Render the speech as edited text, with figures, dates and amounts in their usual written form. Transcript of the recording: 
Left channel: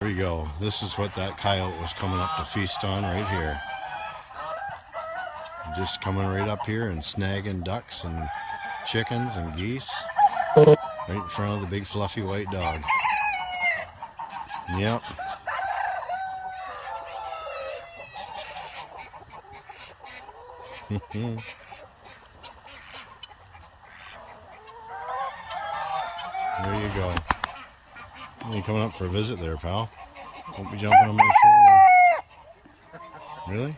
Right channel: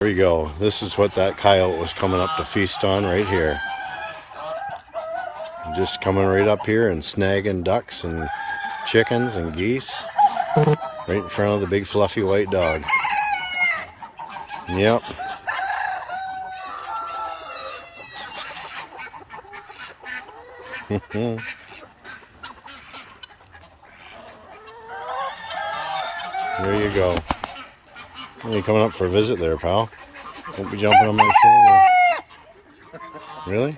There we go. This is what that coyote was coming up to feast on right here. Just coming right up here and snagging ducks and chickens and geese right in front of the big fluffy white dog. Yep. There you go. You coming up for a visit there, pal? Won't be jumping on my shoulder. Really?